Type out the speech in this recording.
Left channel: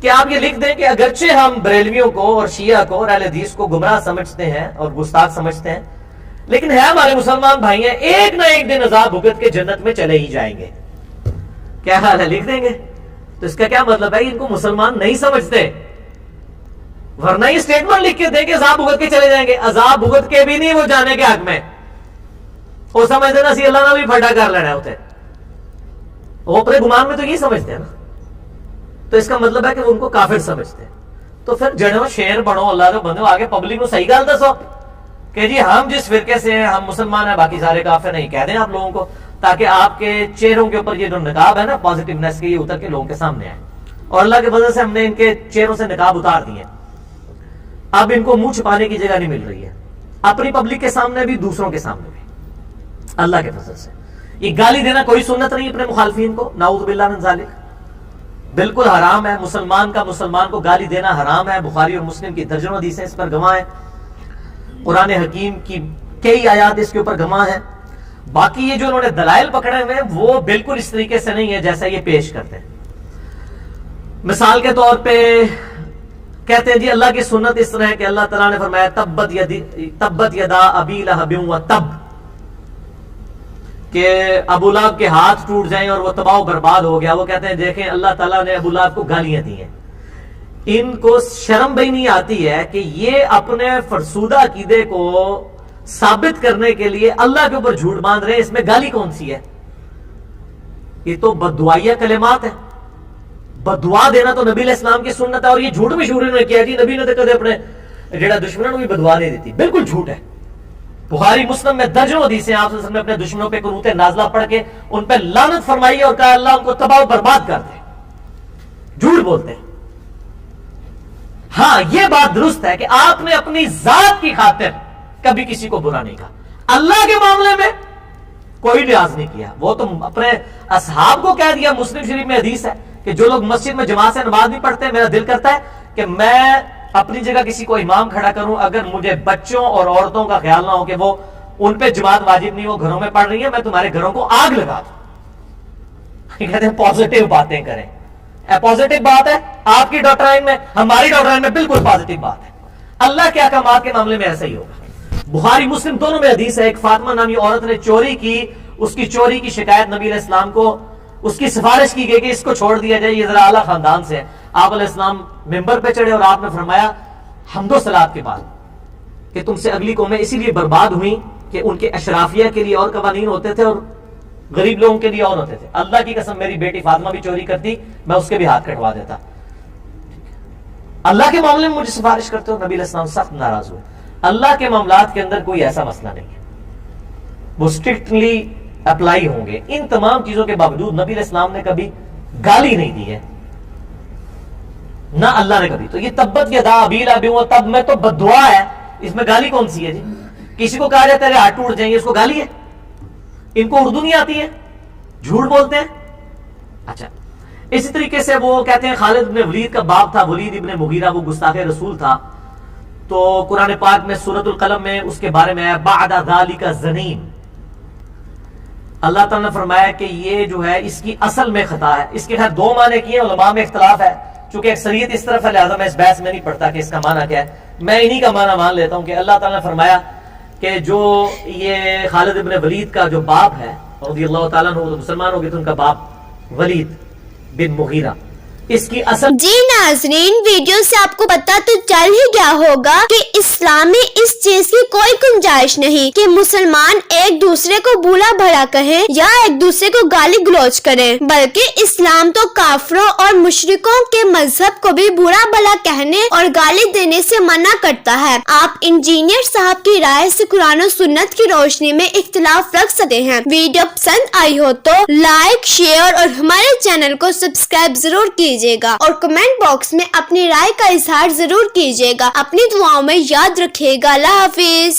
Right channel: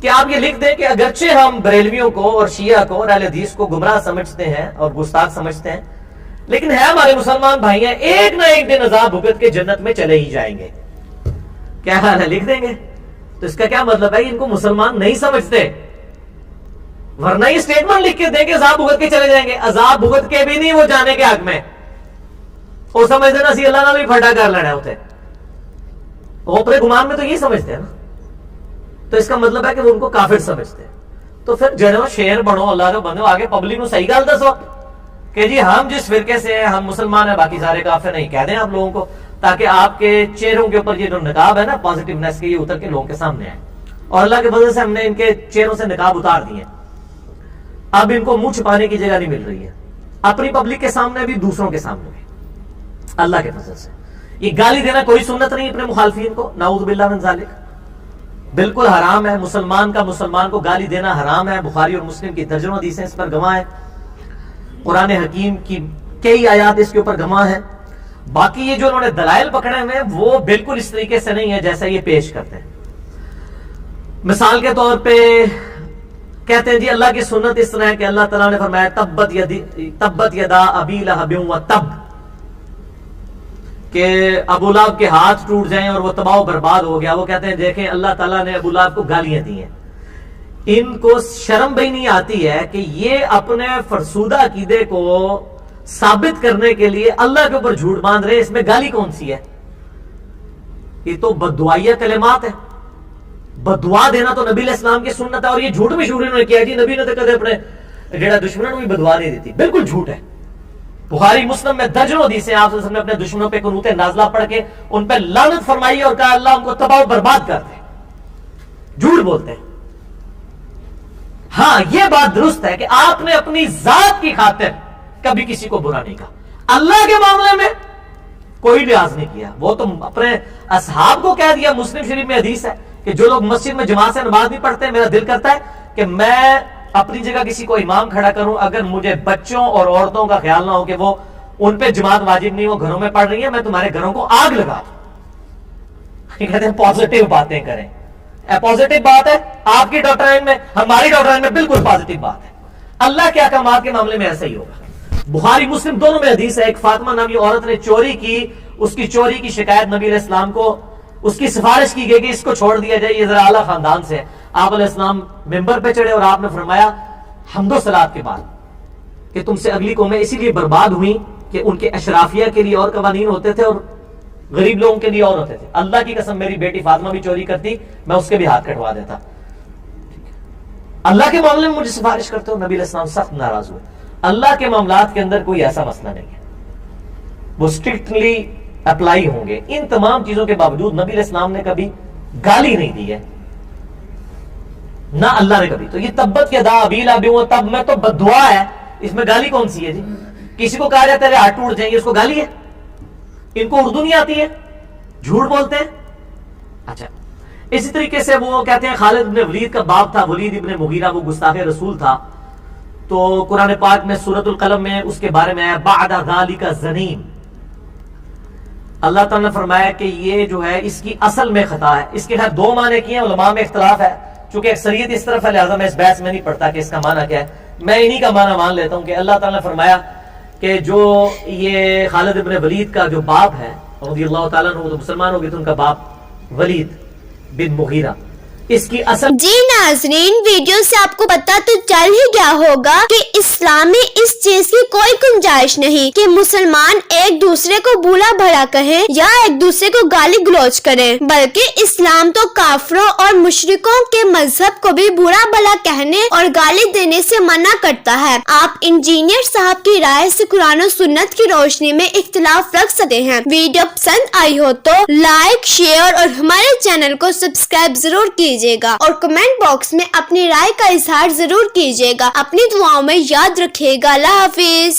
کہ آپ یہ لکھ دیں کہ اگرچہ ہم بریلویوں کو اور شیعہ کو اور اہل حدیث کو گمراہ سمجھتے ہیں اور گستاخ سمجھتے ہیں، لیکن ہے ہمارے مسلمان بھائی ہیں، ایک نہ ایک دن عذاب بھگت کے جنت میں چلے ہی جائیں گے. کیا حال ہے؟ لکھ دیں گے. تو اس کا کیا مطلب ہے؟ ان کو مسلمان نہیں سمجھتے، ورنہ یہ اسٹیٹمنٹ لکھ کے دیں کہ عذاب بھگت کے چلے جائیں گے. عذاب بھگت کے بھی نہیں وہ جانے کے حق میں، وہ سمجھتے نا سی اللہ نال بھی پھڈا کر لینا ہوتے، وہ اپنے گمان میں تو یہ سمجھتے ہیں نا. تو اس کا مطلب ہے کہ وہ ان کو کافر سمجھتے ہیں. تو پھر جڑو شیر بنو، اللہ کا بندو، آگے پبلک کو صحیح گل دسو کہ جی ہم جس فرقے سے ہیں ہم مسلمان ہیں، باقی سارے کافر نہیں. کہہ دیں آپ لوگوں کو، تاکہ آپ کے چہروں کے اوپر یہ جو نقاب ہے نا پازیٹیونیس کے، یہ اتر کے لوگوں کے سامنے آئے. اور اللہ کے فضل سے ہم نے ان کے چہروں سے نقاب اتار دیے. اب ان کو منہ چھپانے کی جگہ نہیں مل رہی ہے، اپنی پبلک کے سامنے بھی، دوسروں کے سامنے بھی. اللہ کے فضل سے یہ گالی دینا کوئی سنت نہیں اپنے مخالفین کو، نعوذ باللہ من ذالک، بالکل حرام ہے. مسلمان کو گالی دینا حرام ہے. بخاری اور مسلم کی درجنوں حدیثیں اس پر گواہ ہیں، قرآن حکیم کی کئی آیات اس کے اوپر گواہ ہیں. باقی یہ جو انہوں نے دلائل پکڑے ہوئے ہیں وہ بالکل اس طریقے سے نہیں ہے جیسا یہ پیش کرتے ہیں. مثال کے طور پہ کہتے ہیں جی اللہ کی سنت اس طرح ہے کہ اللہ تعالیٰ نے فرمایا تبت یدا ابی لہب و تب، کہ ابو لہب کے ہاتھ ٹوٹ جائیں اور وہ تباہ و برباد ہو گیا. وہ کہتے ہیں دیکھیں اللہ تعالیٰ نے ابو لہب کو گالیاں دی ہیں. ان کو شرم بھی نہیں آتی ہے کہ یہ اپنے فرسودہ عقیدے کو ثابت کرنے کے لیے اللہ کے اوپر جھوٹ باندھ رہے ہیں. اس میں گالی کون سی ہے؟ یہ تو بددعائیہ کلمات ہے. بددعا دینا تو نبی علیہ السلام کی سنت ہے، اور یہ جھوٹ مشہور انہوں نے کیا جی نبی نے تو کدے اپنے جڑا دشمنوں بھی بددعا نہیں دیتی. بالکل جھوٹ ہے. بخاری مسلم میں درجنوں حدیثیں آپ سے نے اپنے دشمنوں پہ قنوت نازلہ پڑھ کے ان پہ لعنت فرمائی اور کہا اللہ ان کو تباہ و برباد کر دے. جھوٹ بولتے ہیں. ہاں یہ بات درست ہے کہ آپ نے اپنی ذات کی خاطر کبھی کسی کو برا نہیں کہا، اللہ کے معاملے میں کوئی لحاظ نہیں کیا. وہ تو اپنے اصحاب کو کہہ دیا. مسلم شریف میں حدیث ہے کہ جو لوگ مسجد میں جماعت سے نماز نہیں پڑھتے، میرا دل کرتا ہے کہ میں اپنی جگہ کسی کو امام کھڑا کروں اگر مجھے بچوں اور عورتوں کا خیال نہ ہو کہ وہ ان پہ جماعت واجب نہیں، وہ گھروں میں پڑھ رہی ہیں، میں تمہارے گھروں کو آگ لگا دوں. کہتے ہیں پازیٹیو باتیں کریں. پازیٹیو بات ہے آپ کی ڈاکٹرائن میں، ہماری ڈاکٹرائن میں بالکل پازیٹیو بات ہے. اللہ کے احکامات کے معاملے میں ایسا ہی ہوگا. بخاری مسلم دونوں میں حدیث ہے. ایک فاطمہ نامی عورت نے چوری کی، اس کی چوری کی شکایت نبی علیہ السلام کو، اس کی سفارش کی گئی کہ اس کو چھوڑ دیا جائے، یہ ذرا اعلیٰ خاندان سے ہے. آپ علیہ السلام ممبر پہ چڑھے اور آپ نے فرمایا حمد و صلات کے بعد کہ تم سے اگلی قومیں اسی لیے برباد ہوئی کہ ان کے اشرافیہ کے لیے اور قوانین ہوتے تھے اور غریب لوگوں کے لیے اور ہوتے تھے. اللہ کی قسم میری بیٹی فاطمہ بھی چوری کرتی، میں اس کے بھی ہاتھ کٹوا دیتا. اللہ کے معاملے میں مجھے سفارش کرتے ہو. نبی علیہ السلام سخت ناراض ہوئے. اللہ کے معاملات کے اندر کوئی ایسا مسئلہ نہیں ہے، وہ اسٹرکٹلی اپلائی ہوں گے. ان تمام چیزوں کے باوجود نبی علیہ السلام نے کبھی گالی نہیں دی ہے، نہ اللہ نے کبھی. تو یہ تبت یدا ابی لہب و تب میں تو بددعا ہے، اس میں گالی کون سی ہے جی؟ کسی کو کہا جاتا ہے ہاتھ ٹوٹ جائیں گے، اس کو گالی ہے؟ ان کو اردو نہیں آتی ہے، جھوٹ بولتے ہیں. اچھا اسی طریقے سے وہ کہتے ہیں خالد ابن ولید کا باپ تھا ولید ابن مغیرہ، وہ گستاخ رسول تھا. تو قرآن پاک میں سورۃ القلم میں اس کے بارے میں آیا بعد ذالک زنیم. اللہ تعالیٰ نے فرمایا کہ یہ جو ہے اس کی اصل میں خطا ہے. اس کے خیر دو معنی کیے، علماء میں اختلاف ہے، چونکہ اکثریت اس طرف ہے لہٰذا میں اس بحث میں نہیں پڑھتا کہ اس کا معنی کیا ہے. میں انہی کا معنی مان لیتا ہوں کہ اللہ تعالیٰ نے فرمایا کہ جو یہ خالد ابن ولید کا جو باپ ہے رضی اللہ تعالیٰ عنہ، وہ تو مسلمان ہو گئے، تو ان کا باپ ولید بن مغیرہ، اس کی اصل. جی ناظرین، ویڈیو سے آپ کو پتا تو چل ہی گیا ہوگا کہ اسلام میں اس چیز کی کوئی گنجائش نہیں کہ مسلمان ایک دوسرے کو بولا بھلا کہیں یا ایک دوسرے کو گالی گلوچ کریں، بلکہ اسلام تو کافروں اور مشرکوں کے مذہب کو بھی برا بھلا کہنے اور گالی دینے سے منع کرتا ہے. آپ انجینئر صاحب کی رائے سے قرآن و سنت کی روشنی میں اختلاف رکھ سکتے ہیں. ویڈیو پسند آئی ہو تو لائک، شیئر اور ہمارے چینل کو سبسکرائب ضرور کیجیے گا اور کمنٹ باکس میں اپنی رائے کا اظہار ضرور کیجیے گا. اپنی دعاؤں میں یاد رکھیے گا. اللہ حافظ.